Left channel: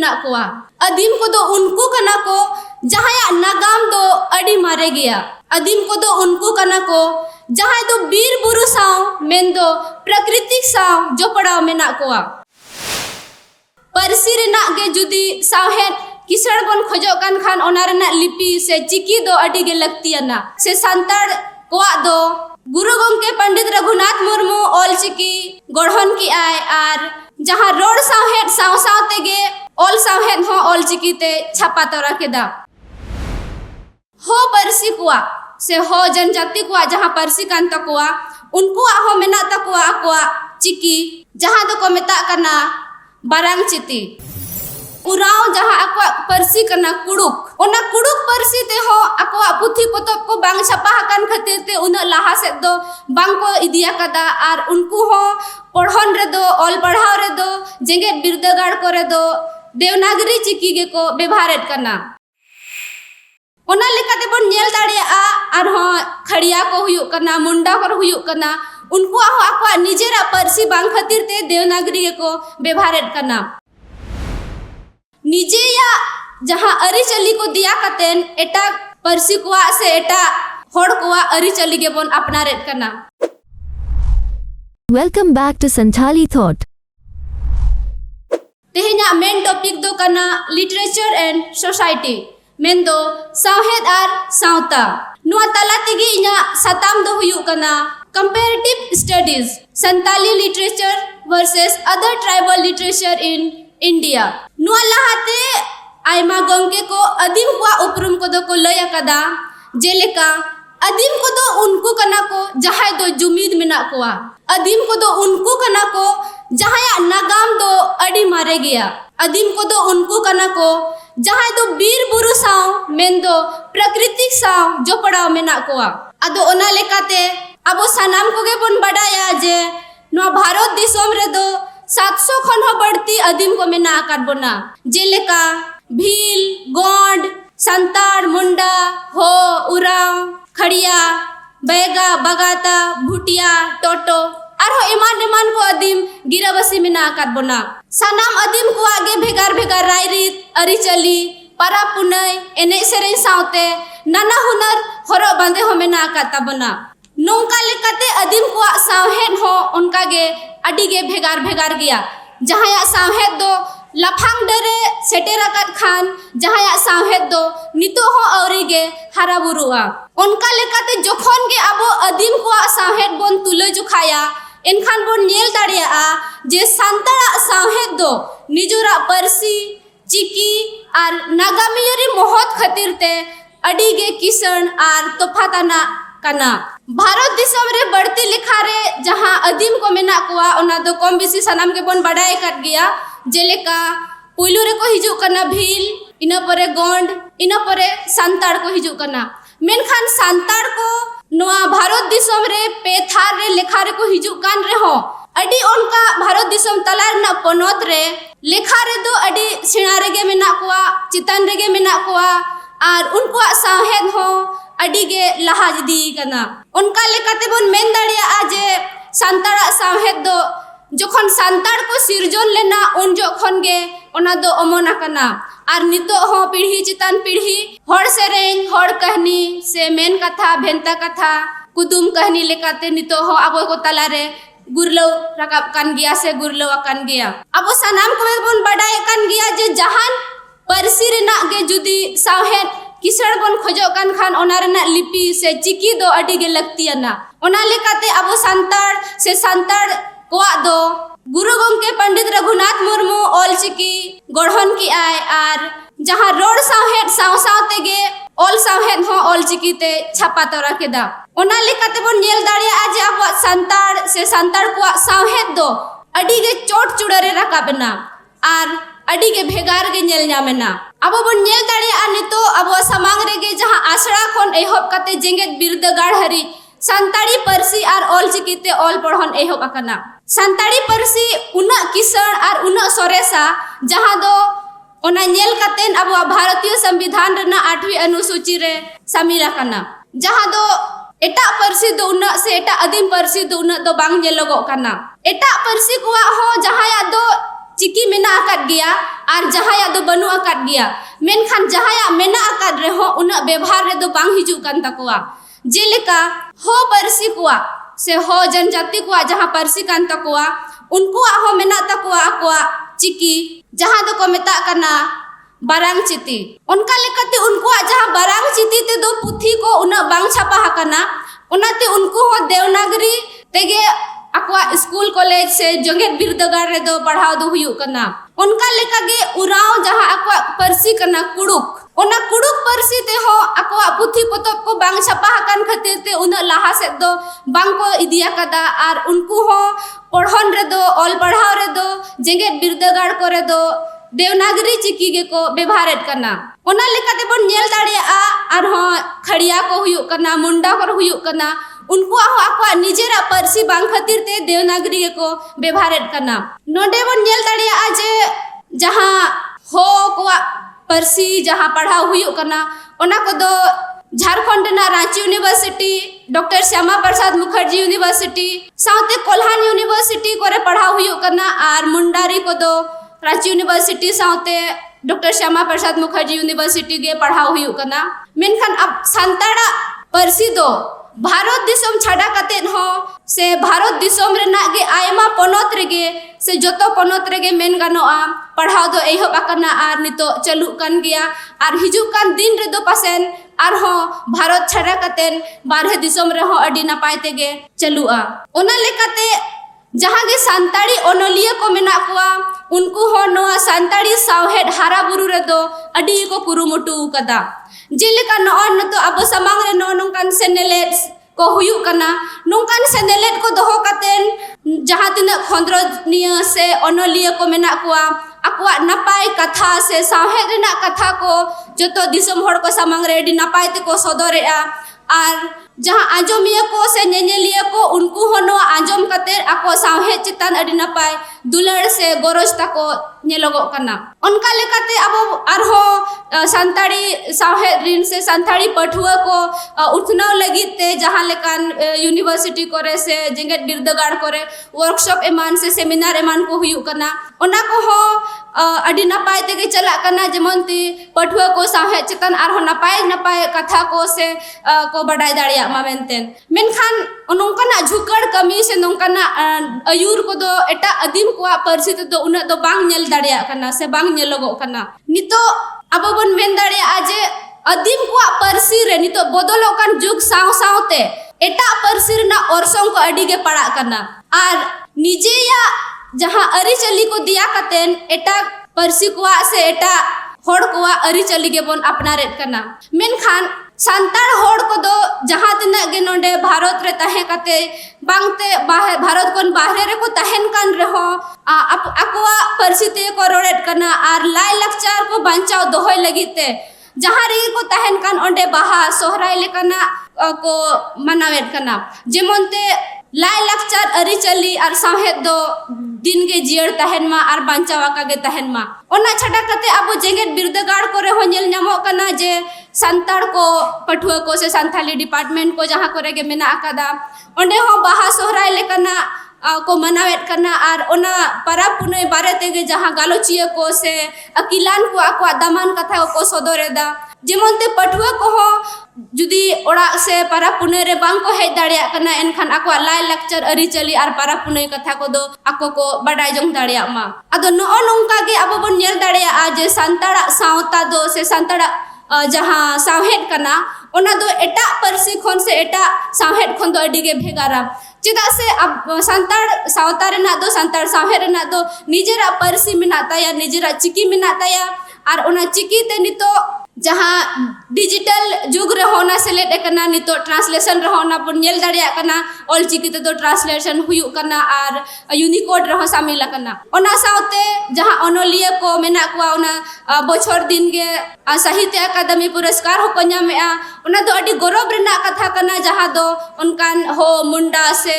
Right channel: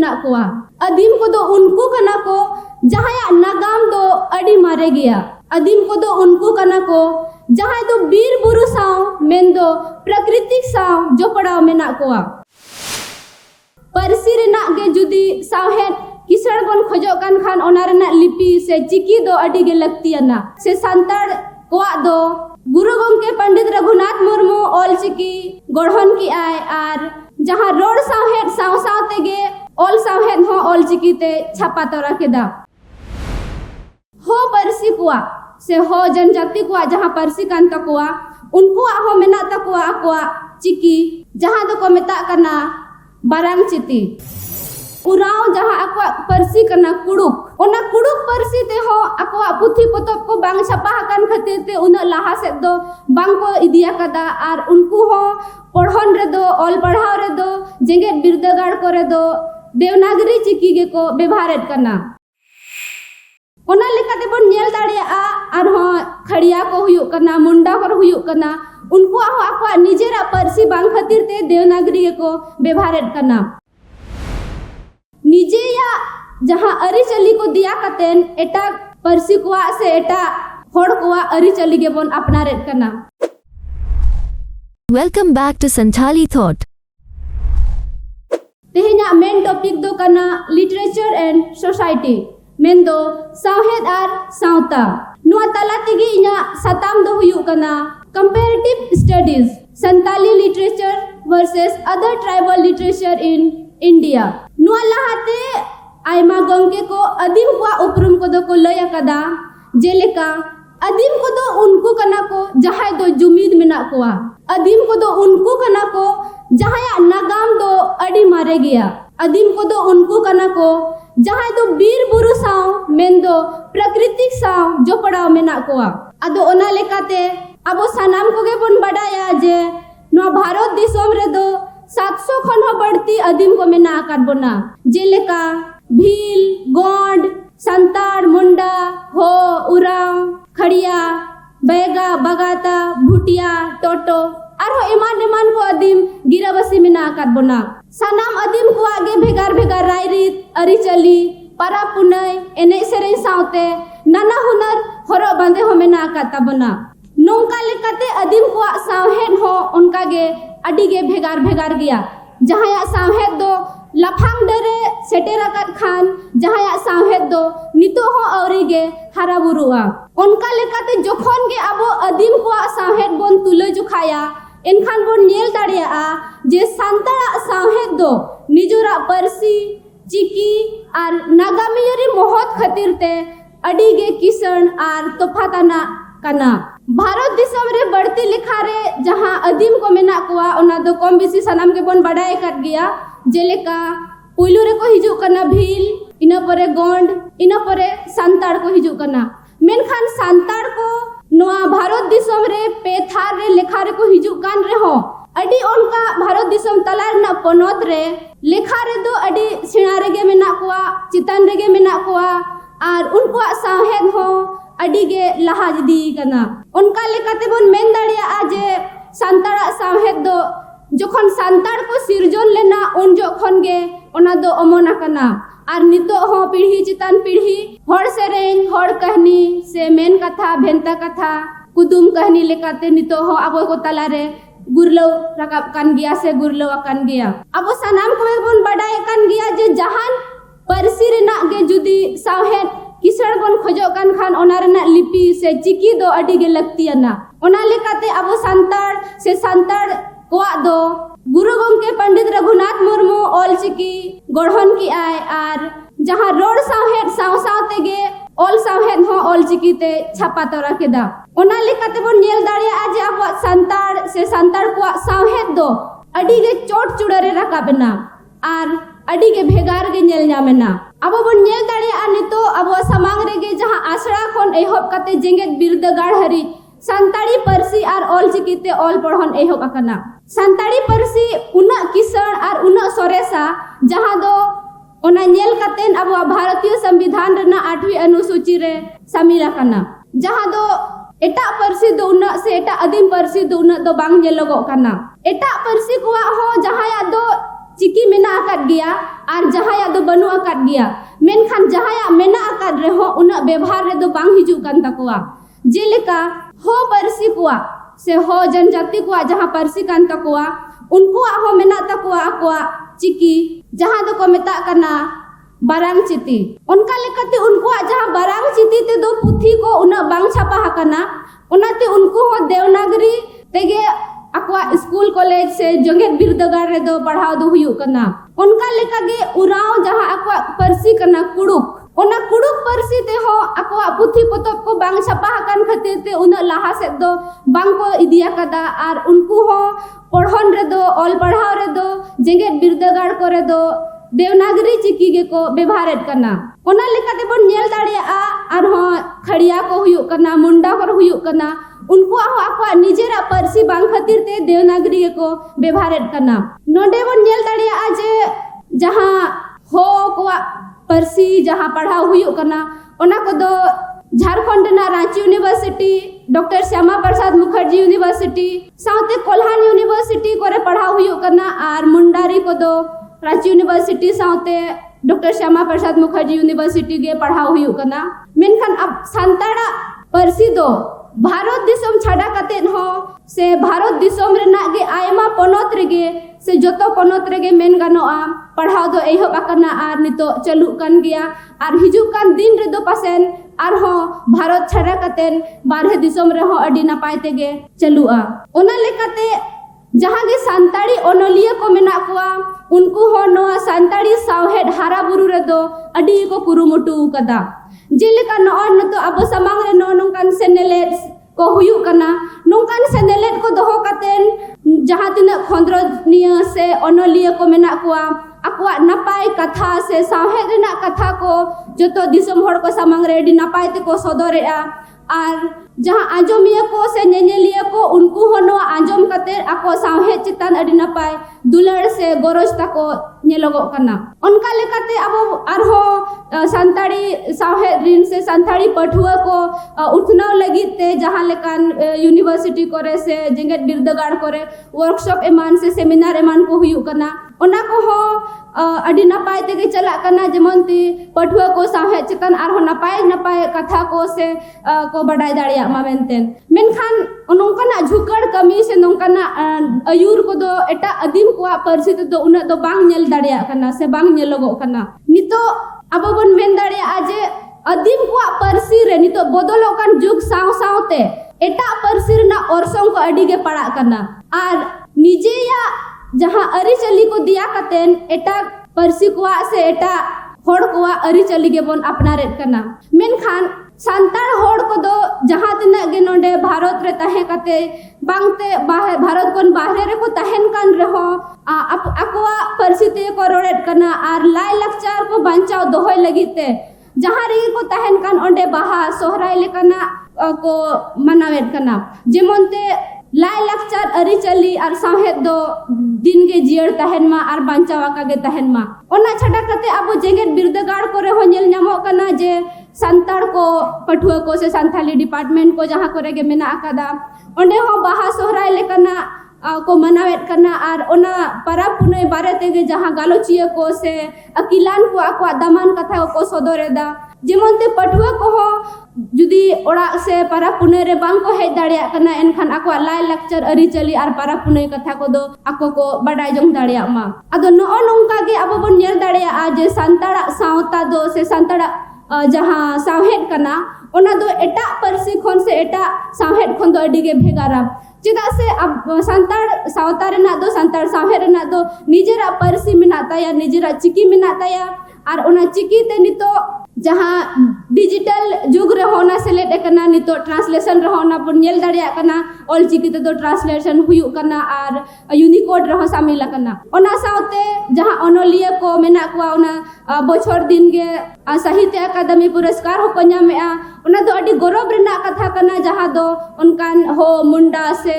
मेना कोआ आदिम को दो उनको कना को जहां नागाम दो अड़ी मारे गया आदिम को दो उनको कना को जहां दो बीर बुरु साव मेन दो प्राकृतिक साव जो पड़ाव मेना कोआ परसी रेना गे जुदी सावहेद किसण बन खोजो कान खान ओना रेना लिपि से चिकी दो अड़ी गे लगतियाना से संताड़ कोआ दो गुरु गंके पंडित रघुनाथ मुर्मू ऑल चिकी गढ़न की आय आर जहां रोड सावहेद साव साव तेगे ऑल सावहेद हो ऑल चिकी ते छापा तोरा केदा हो परसी कुआ से हो जनजाति कुआ जहां परसी कान तकुआ उनको हो मेना तकुआ कुआ चिकी जहां दो को मेता कना बारांग चिती उराव जहां अक्वा परसी कना कुड़ुक ओना कुड़ुक परसी ते हो अक्वा पुथी पोतब को बांग छपा हकान खातिर ते उना लाहा से दो बांग को इदिया कदा आर उनको हो पढ़न रे दो ऑल पढ़ाव रे दो जेगे बिरदगाड़ करे दो देवनागरी चिकी गे को व्यवहारेट करना ओना लेकाते बन नेल दाड़िया आर हो खड़िया को हुयु करना मुंडा को हुयु करना उनको हो अक्वा निजेरा परसी बांग खातिर ते देवनागरी गे को व्यवहारेट करना निजे या जहां अरी चली को दिया कतेन एटा परसी कोआ से एटा होड़ कोआ अरी चली गे बन अपना रेट करना। Welcome back to Santhali Thought. तेहेना मेन टॉपिक दो करना लिटरेचर एंड सोसाइटी मेन दो सावहेद आर सावता नुआ तला तेगे इना सताम दो हुयु करना comparative studies Santali literature versus other tribal literature in India नुआ लहाते आयमा गंके को आदिम को उपरुम को दो को लय कदा जेलेका आदिम को दो उनको कना को जहां दो जुमीद मेना कोआ आदिम को दो उनको कना को जहां नागाम दो अड़ी मारे गया आदिम को दो उनको कना को जहां दो बीर बुरु साव मेन दो प्राकृतिक साव जो पड़ाव मेना कोआ अदो ओना लेकाते अबो सनाम को गे बन बडाया जे नो भारत दिसोम रे दो 700 खन हो बढ़ती आदिम को मेना आकार बना जेलेका भील गोंड संताड़ मुंडा हो उराव खड़िया बैगा बगाता भुटिया टोटो और हो इमान को आदिम गिराबसी मेना आकार बना सनाम आदिम को आगे भेगार भेगार रायरीत अरिचली पारा पुनय एने सेरें सावते नाना हुनर हरो बांधे हो मेना आकार तबना नोंका लेकाते आदिम को सावहेद हो उनका गे अड़ी गे भेगार भेगार गया जहां सावहेद दो लफांग डरे सेटेरा कत खान जहां सावहेद दो नितो हो औरी गे हरा बुरुआ उनका लेकाते जोखन गे अबो आदिम को सावहेद बन तुले जुखाया एनखान बन नेल दाड़िया जे संताड़ा सावहेद दो निजोरा परसी चिकी आर नागामियरी मोहत खातिर ते अड़ी गे किसण आर तोफाताना कना भारत दिसम रे बढ़ती लिखा रे जहां आदिम को मेना कोआ ओना दो कम बेसी सनाम के बन बड़ाई कर गया जेलेका पुइलु रे को हिजु कना भील इना परे गोंड इना परे संताड़ को हिजु कना मेनखान संताड़ को नोआ भारत दिसम रे पेथार रे लेखा रे को हिजु कान रे हो अडी उनका भारत दिसम तलार ना पनोत रे लेखा रे दो अडी सिणा रे गे मेना कोआ चितान रे गे मेना कोआ आर उनको सावहेद हो अड़ी गे लहाज दी कना उनका लेकाते बन मेन दाड़िया आजे संताड़ा सावहेद दो जोखन संताड़ को सिरजन लेना उन जोखन गे ओना दो अमोना कना आर नितो हो पीढ़ी चितान पीढ़ी हड़ सेरें हड़ कहनी से मेन कथा भेंता कथा कुदुम कहनी लेकाते नितो हो अबो को तलारे गुरलो रकाब कान गया से गुरलो कान गया अबो सनाम को बन बडाय कान गया जे जहान परसी रेना गे जुदी सावहेद किसण बन खोजो कान खान ओना रेना लिपि से चिकी दो अड़ी गे लगतियाना ओना लेकाते अबो संताड़ से संताड़ कोआ दो गुरु गंके पंडित रघुनाथ मुर्मू ऑल चिकी गढ़न की आय आर जहां रोड सावहेद साव साव तेगे ऑल सावहेद हो ऑल चिकी ते छापा तोरा केदा ओना लेकाते बन नेल दाड़िया जे अबो संताड़ से संताड़ कोआ सावहेद दो अड़ी गे चोट चुड़रे रकाबना आर अड़ी गे भेगार गे नेल नामेना अबो बन नेल दाड़िया नितो अबो समांग रे गे जहां आसड़ा खन एहब कते जेंगेत बिरदगाड़ हरी संताड़ी परसी आर ऑल चिकीते ऑल पढ़न एहब अकना संताड़ी परसी उना किसण आर उना सोरेसा जहां दो ओना नेल कतेन अब भारतीय संविधान रेना 8वीं अनुसूची रे शामिल अकना जहां दो एटा परसी दो उना से एटा आदिम परसी दो उना दो बांग नेलोगो कना एटा परसी कोआ हो जहां या दो चिकी मेना akad gaya ar jahaya do banu akad gaya menkhan jahaya mena akad reho una ବ୍ୟବହାର रे दो bang hijuk kan takwa jeleka ho parsi kuwa se ho जनजाति kuwa jaha parsi kan takwa unkuwa ho mena takwa akwa चिकी जहां दो को मेता करना barang citi onka lekate unkuwa jaha barang citi te do puthi ko una bang chapa hakana onate unku ho dewnagari tege akwa school college se jonget birdagar re do padhaw do huyuk kana onka lekage urao jaha akwa parsi kana kuduk ona kuduk parsi te ho akwa puthi potop ko bang chapa hakan khatir te una laha se do bang ko idiya kada ar unku ho पढ़न रे दो all पढ़ाव रे दो जेंगेट बिरदागार करे दो देवनागरी चिकी गे को व्यवहारेट करना ओना लेकाते बन नेल दाड़िया आर हो खड़िया को हुयुक करना मुंडा को हुयुक करना उनको आको निजेरा परसी बांग खातिर ते देवनागरी को व्यवहारेट करना नोडे बन नेल दाड़िया जे जहां हो को परसी जहां पढ़ाव हुयुक करना ओना को दो झारखंड ना Ranchi university doctor Shyama Prasad Mukherjee university साउते Kolhan university कोरे पढ़ाव हुयुक करना आर मुंडारी को दो Ranchi university साउते doctor Shyama Prasad Mukherjee university गे पढ़ाव हुयुक करना मेनखान अब सांताड़ा परसी दो भारत दिसम छाड़ा कतेन हो से भारत दिसम रेना गे आयमा पनोत रेगे से जोतो पनोत रेगे मेन गानोआ पढ़ाव दो एहब आकना आर नितो चालू कान गया आर हिजुक कान दिन रे दो पासेन आर हो भारत छाड़ा कतेन बारहे दिसम रे हो अडी नापाय तेगे चालुआ ओना लेकाते जहां गे सांताड़ी ओनलिया को मेना कुआ उनको हो नोआ सांताड़ी सावहेड हारा बुरु रे दो अडी को कुरुमुटु कदा जेलेका नोन न तो अब समांग रे नोनकान सेनेलेट को हुयुक कना नोंकान सेनेलेट को दोहो कतेन जहां तिना खंद्रनिया से ओनलिया को मेना कुआ akwa napai katha se sahe rena katha ko joto disam hor ko samang re di napai te ko sodorea ar jaha anjomiya ko se nyenyeliya ko unku hono anjom kater ako sahe chitan adi napai dular se goros ta ko nyelogok kana onka lekate abo arho santari sahe rin se santari pathua ko uthnaw lagit te jaha lekan university kore se jenget birdagar kore workshop eman se seminar eman ko huyuk kana ona ko ho अडी नपाय तेगे चला करना जेमनती पठुआ को साहे चितन are हो नपाय कथा को से को बडाय दाड़िया मा मेनतेन मेनखान नोंकाना झुकड़ कमी से नोंकाना अयूर को दो एटा अदीम को परसी तो उना दो बांग नेल दाड़िया करना से बांग नेलगो करना नितो अब बन मेन दाड़िया आजे अदीम को परसी रे नितो बदलो कान जुग साव सावते एटा परसी रना ओरसों को अडी गे पड़ा करना आर निजे या जहां अरिचली को दिया कतेन एटा परसी कुआ से एटा होड़ कुआ अरिचली गे बन अपनारेट करना मेनखान सांताड़ होड़ को दो जहां तिना गे नोंडे भारत रे ताहे कते बांगते भारत कोन बाहरे रे को ताहेन कान रहो अकवा परसी ते को रोडेट करना आर लाई लक्चार को बंचाव दोहोय लगिते जहां रे को ताहेन कान ओंडे बाहा सोहराय लेकना को मनावेट करना जेमनते लाई लक्चार अरिचली आर साहेद दो दिन के जियर तहन मा आर बांचावा का गे तहन मा ओना छटा कते अब जेंगेट बिरदागार करे हो नेल नामो कना जे संताड़ को पठुआ को से संथाली डिपार्टमेंट को जहां करे गे मेना आकादा ओंडे हो बाहा सोहराय लेकना को मनावेट करना आर ओना परब पुनई बारे तेगे जहां गालोचिया को से अकिलान को आको दामान कथा को सदरेदा जेमनते पठुआ को हो जुदी ओड़ा से परब पुनई रे बांग को हेज दाड़िया कना एनखान आको लाई लक्चर अरिचली आर परब पुनई कथा को दो आको को बडाय जंग दाड़िया मा अदो नो नोंका गे अब बन नेल दाड़िया आ जे संताड़ा सावता दो से संताड़ा जहां सावहेड कना ओना दो एटा परसी खन से एटा सावहेड खन दो अडी गे भेगारा चेदा से अब संताड़ सावता रेना दो संताड़ सावहेड रेना दो निजेरा परसी मेना ताया निजेरा चिकी मेना ताया आर ओना चिकी ते नितो जहां डिजिटल जुग रे होना सेलेट करना नितो ट्रांसलेशन रे होना पर नेल दाड़िया करना ऑल चिकी ते दो ट्रांसलेशन हुयु करना आर यूनिकोड रे हो शामिल करना ओना साउते जहां ओनोलिया को मेना को ओना बछर दिन गे साहित्य अकादमी पुरस्कार हो को न्यामेआ उना दो अडी गौरव रेना कथा कना जहाँ दो उनकान हो मुंडा से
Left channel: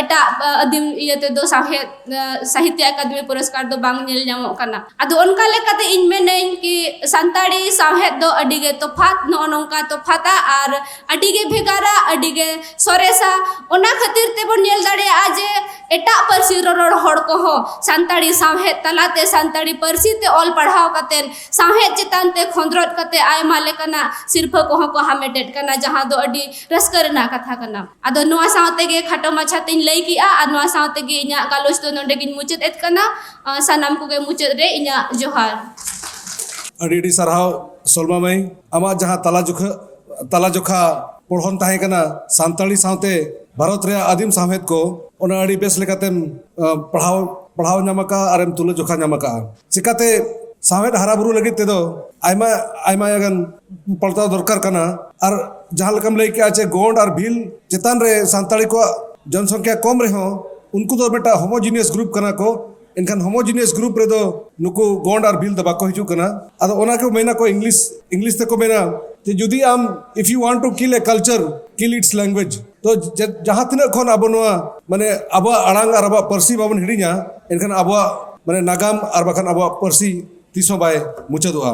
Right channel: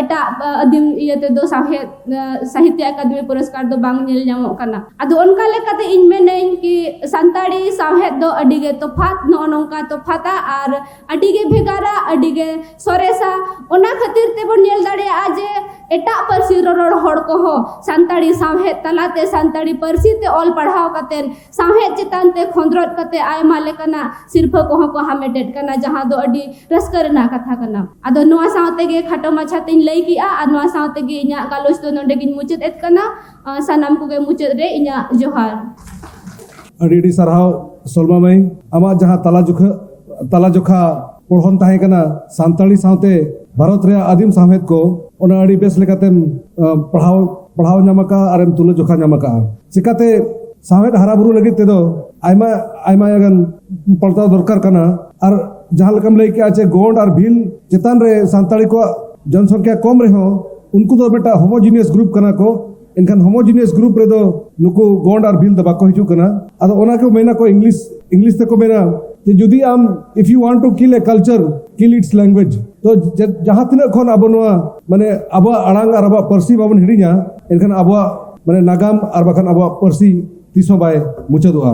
एटा अदिम इयते दो साहित्य अकादमी पुरस्कार दो बांग नेल ᱧᱟᱢᱚᱜ कना अदो उनका लेकाते इन मेनें कि संताड़ी साहेब दो अडिगे तोफात नो नोंका तोफाता और अडिगे भेगारा अडिगे सोरेसा ओना खातिर ते बन नेल दाड़ेया जे एटा परसी रोड़ हड़ को हो संताड़ी साहेब तलाते संताड़ी परसी ते ऑल पढ़ाव कते साहेब चितान ते खोंद्रोट कते आयमा लेकना सिरफा को को हामेटेट कना जहां दो अडी रस्कर ना कथा कना अदो नोआ सावते गे खाटो माछा तिन लई की आ नोआ सावते गे इना गालोच तो नोंडे गिन मुचत एत कना सनाम को गे मुचत रे इना जोहार अडी सरहाव सोलमा मई आमा जहां तला जोखा पढ़न ताहे कना सांताली सावते भारत रे आदिम साहेब को ओना अडी बेस लेकातेम पढ़ाव नामका आरेम तुला जोखा नामका चिकाते साहेब हारा बुरु लगित तेदो आयमा आयमा यगन पड़ता दरकार कना और जहां लकम लई के आचे गोंड और भील चेतान रे सांताली को जनसंख्या कम रहे हो उनको तो बेटा होमोजीनियस ग्रुप कना को इनखान होमोजीनियस ग्रुप रे दो नुको गोंड और भील दबा को हिजु कना अदो ओना को मेना को इंग्लिश ते को मेना जे जुदी आम if you want to kill a culture kill its language तो जहां तिना खन आबो नोआ माने आबो आड़ांग और आबो परसी बाबन हिडिया इनखान आबो माने नागाम और बखान आबो परसी तीसों बाय मुचादोआ